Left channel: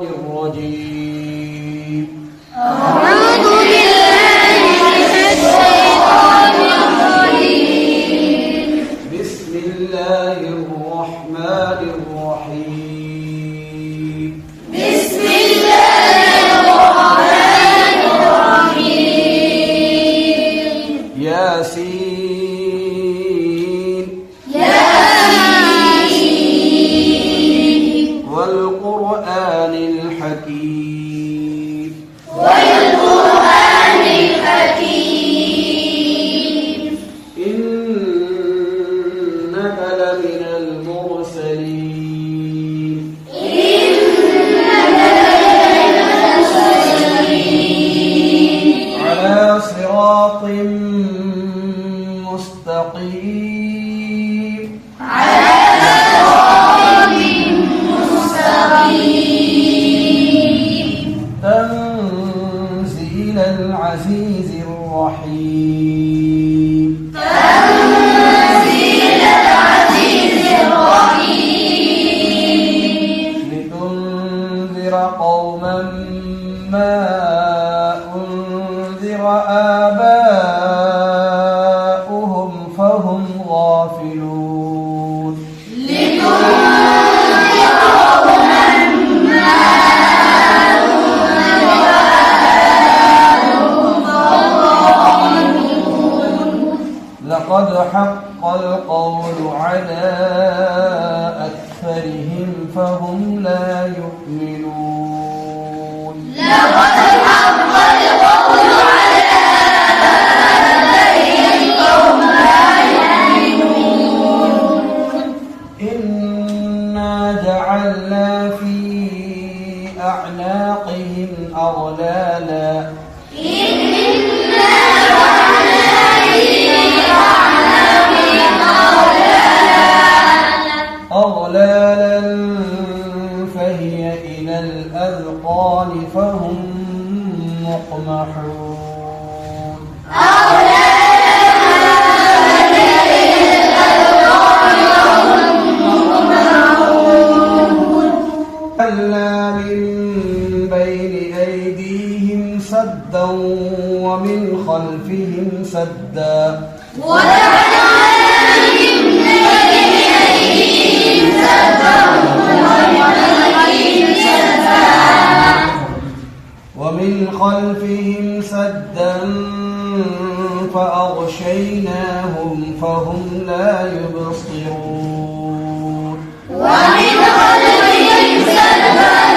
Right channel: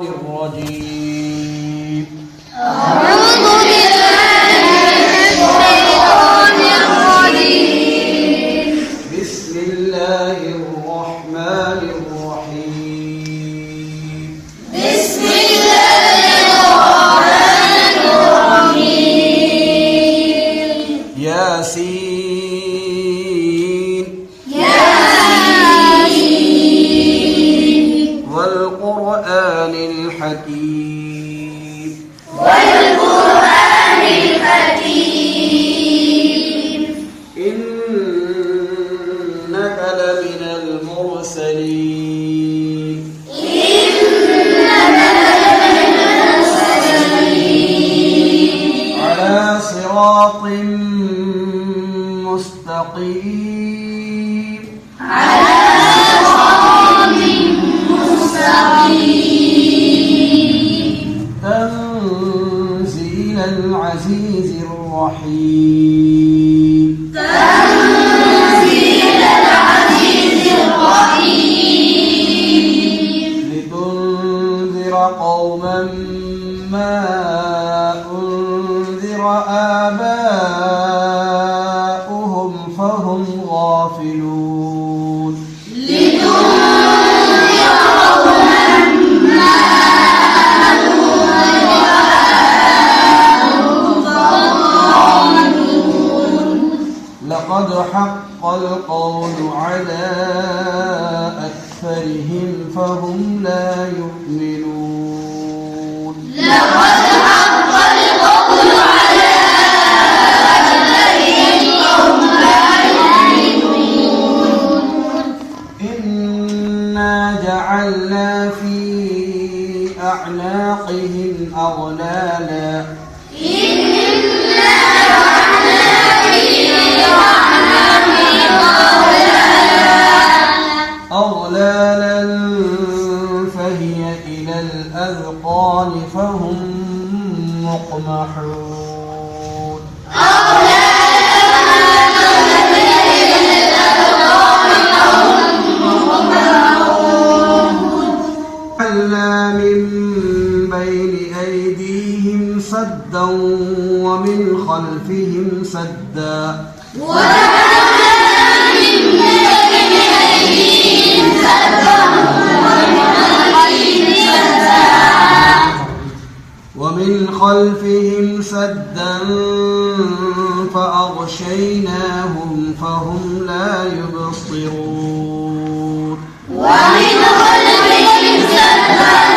الرجيم. أعوذ بالله من الشيطان الرجيم. بسم الله الرحمن الرحيم. بسم الله الرحمن الرحيم. ياسين ياسين والقرآن الحكيم. والقرآن الحكيم. إنك لمن المرسلين. على صراط مستقيم. تنزيل العزيز الرحيم. تنزيل العزيز الرحيم. لتنذر قوما ما أنذر آباؤهم فهم غافلون. لقد حق القول على أكثرهم فهم لا يؤمنون. لقد حق القول على أكثرهم فهم لا يؤمنون. إنا جعلنا في أعناقهم أغلالا فهي إلى الأذقان فهم مقمحون. جعلنا من بين أيديهم سدا ومن خلفهم سدا فأغشيناهم فهم لا يبصرون. ومن خلفهم سدا